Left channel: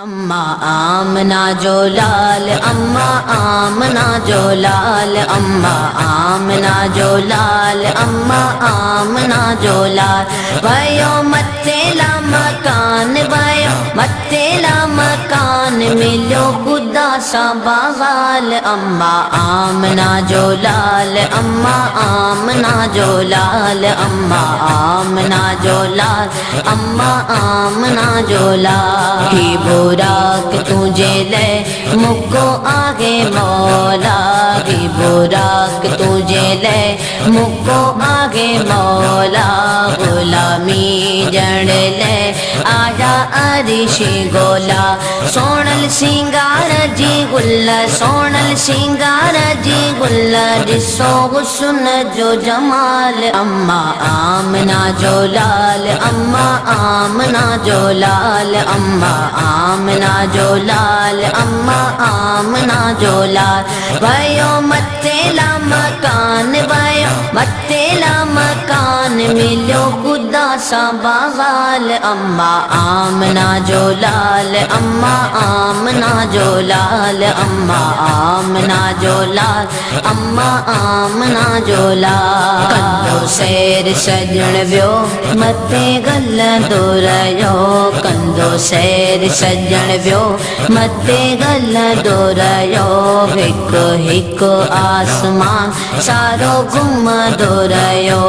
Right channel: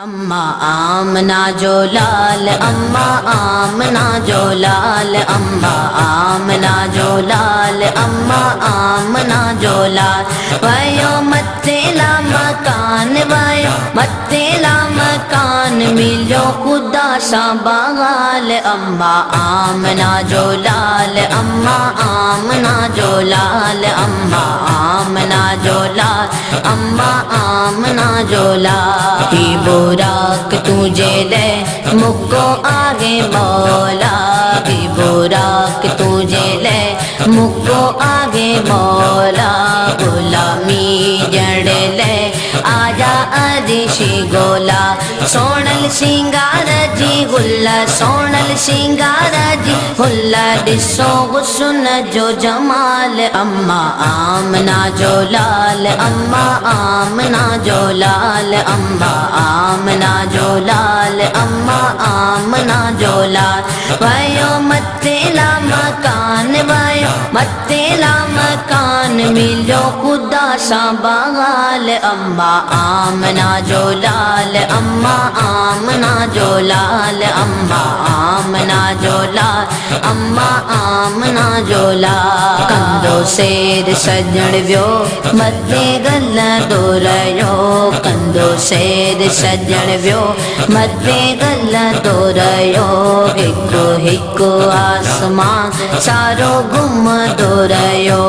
अम्मा आमना जो लाल, अम्मा आमना जो लाल, अम्मा आमना जो लाल, अम्मा आमना जो लाल। वायो मत्तेला मकान, वायो मत्तेला मकान, मिलो खुदा सा बगाल। अम्मा आमना जो लाल, अम्मा आमना जो लाल, अम्मा आमना जो लाल, अम्मा आमना जो लाल। की बुराक तुझे ले मुझको आगे मौला, की बुराक तुझे ले मुझको आगे मौला। गुलामी जड़ ले आजा अरिशी गोला, सोनल सिंगार जी गुल्ला, सोनल सिंगार जी गुल्ला, दिसो हुस्न जो जमाल। अम्मा आमना जो लाल, अम्मा आमना जो लाल, अम्मा आमना जो लाल, अम्मा आमना जो लाल। वायो मत्तेला मकान, वायो मत्तेला मकान, मिलो खुदा सा बगाल। अम्मा आमना जो लाल, अम्मा आमना जो लाल, अम्मा आमना जो लाल, अम्मा आमना जो लाल। कंदो शेर सजण व्यो मथे गल दोरयो, कंदो शेर सजण व्यो मथे गल दोरयो। हिकु हिकु आसमान सारो गुम दोरयो,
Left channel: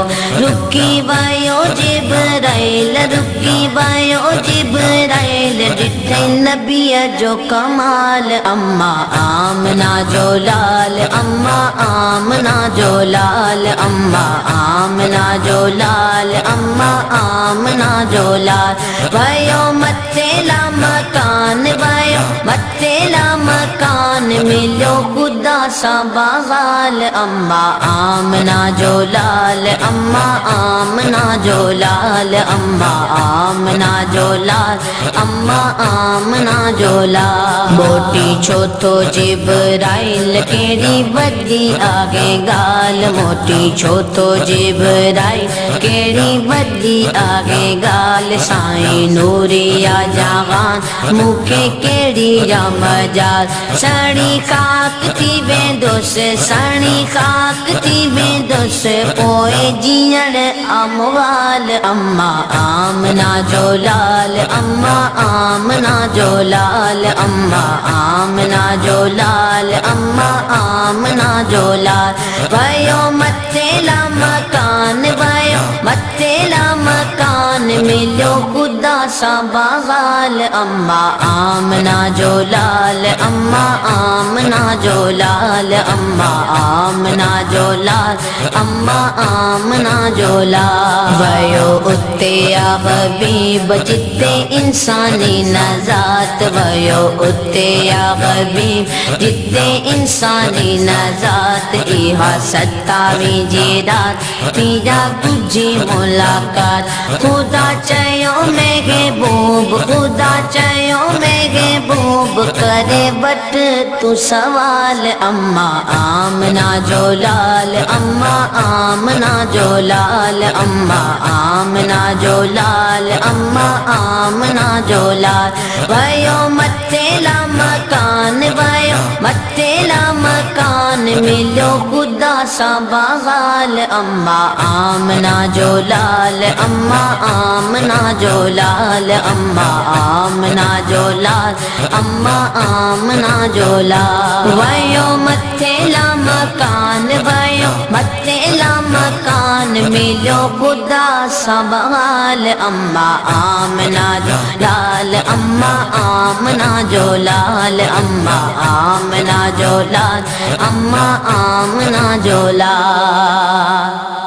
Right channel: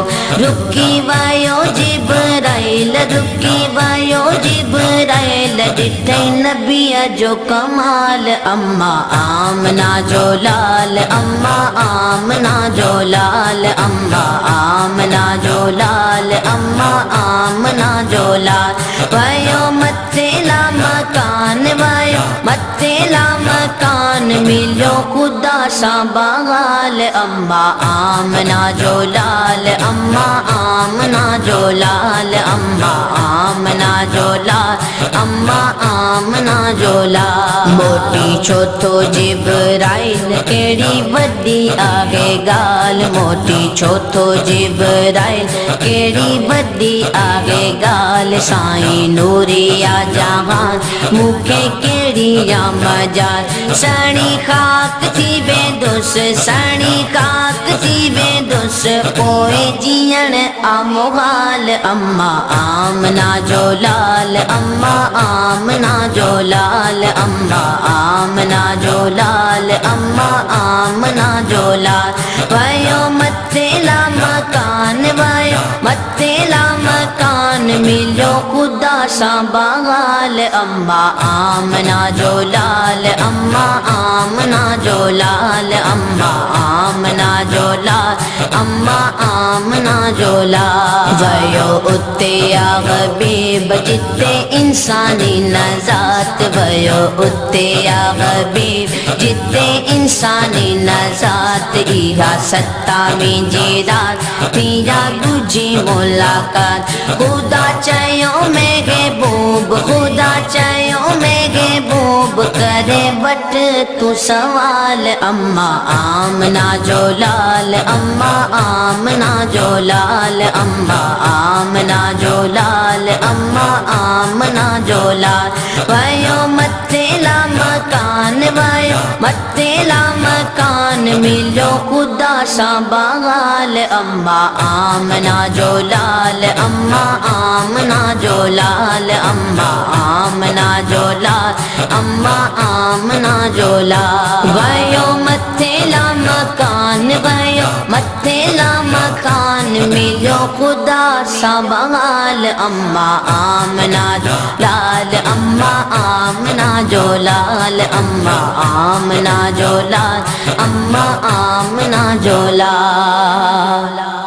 रुकी वायो जिब्राइल, रुकी वायो जिब्राइल, ॾिठई नबीअ जो कमाल। अम्मा आमना जो लाल, अम्मा आमना जो लाल, अम्मा आमना जो लाल, अम्मा आमना जो लाल। वायो मत्तेला मकान, वायो मत्तेला मकान, मिलो खुदा सा बगाल। अम्मा आमना जो लाल, अम्मा आमना जो लाल, अम्मा आमना जो लाल, अम्मा आमना जो लाल। मोटी छो तो जिब्राइल केड़ी वदी आगे गाल, मोटी छो तो जिब्राइल केड़ी वदी आगे गाल। साईं नूरिया जहान मुखे केड़ी या मजाल, सड़ी खाक थी बेदुस, सड़ी खाक थी बेदुस, कोई जियण आमवाल। अम्मा आमना जो लाल, अम्मा आमना जो लाल, अम्मा आमना जो लाल, अम्मा आमना जो लाल। वायो मत्तेला मकान, वायो मत्तेला मकान, मिलो खुदा सा बगाल। अम्मा आमना जो लाल, अम्मा आमना जो लाल, अम्मा आमना जो लाल, अम्मा आमना जो लाल। वयो उते या हबीब जिते इंसानी नजात, वयो उते या हबीब जिते इंसानी नजात। इहा 27 रात पीरा गुजी मुलाकात, खुदा चयो महबूब, खुदा चयो महबूब, करे बट तू सवाल। अम्मा आमना जो लाल, अम्मा आमना जो लाल, अम्मा आमना जो लाल, अम्मा आमना जो लाल। वायो मत्तेला मकान, वायो मत्तेला मकान, मिलो खुदा सा बगाल। अम्मा आमना जो लाल, अम्मा आमना जो लाल, अम्मा आमना जो लाल, अम्मा आमना जो लाल। वायो मत्तेला मकान, वायो मत्तेला मकान, मिलो खुदा सा बगाल। अम्मा आमना जो लाल, अम्मा आमना जो लाल, अम्मा आमना जो लाल, अम्मा आमना जो लाल।